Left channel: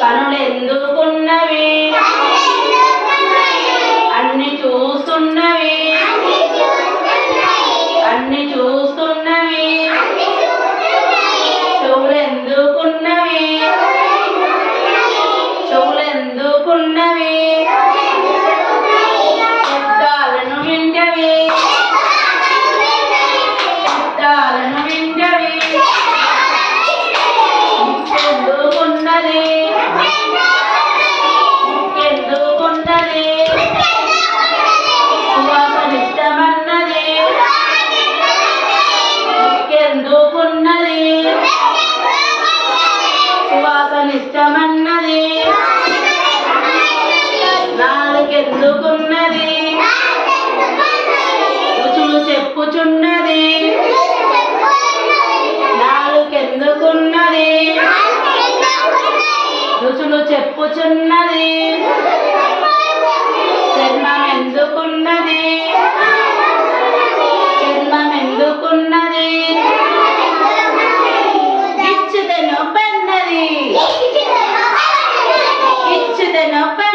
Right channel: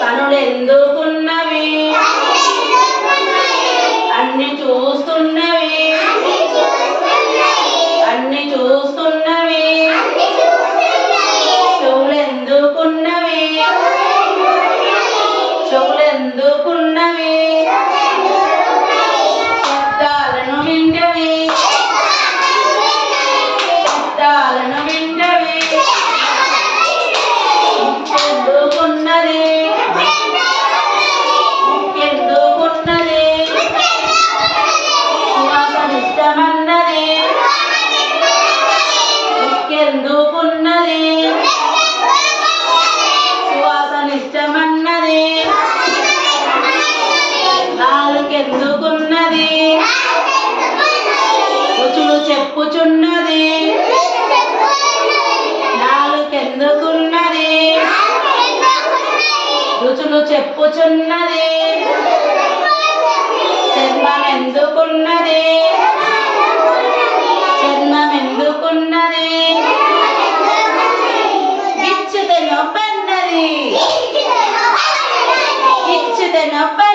కనులెందుకున్నవి కనులెందుకున్నవి అన్ని చూస్తున్నవి అన్ని చూస్తున్నవి చెవులెందుకున్నవి చెవులెందుకున్నవి శబ్దాలను వింటవి శబ్దాలను వింటవి ఎందుకున్నది ఎందుకున్నది సువాసనిష్టమన్నది ఎందుకున్నది సువాసనిష్టమన్నది నాలుకెందుకున్నది రుచులు చెప్పుచున్నది నాలుకెందుకున్నది రుచులు చెప్పుచున్నది చర్మం ఎందుకున్నది చర్మం ఎందుకున్నది గిచ్చితే నొప్పన్నది గిచ్చితే నొప్ప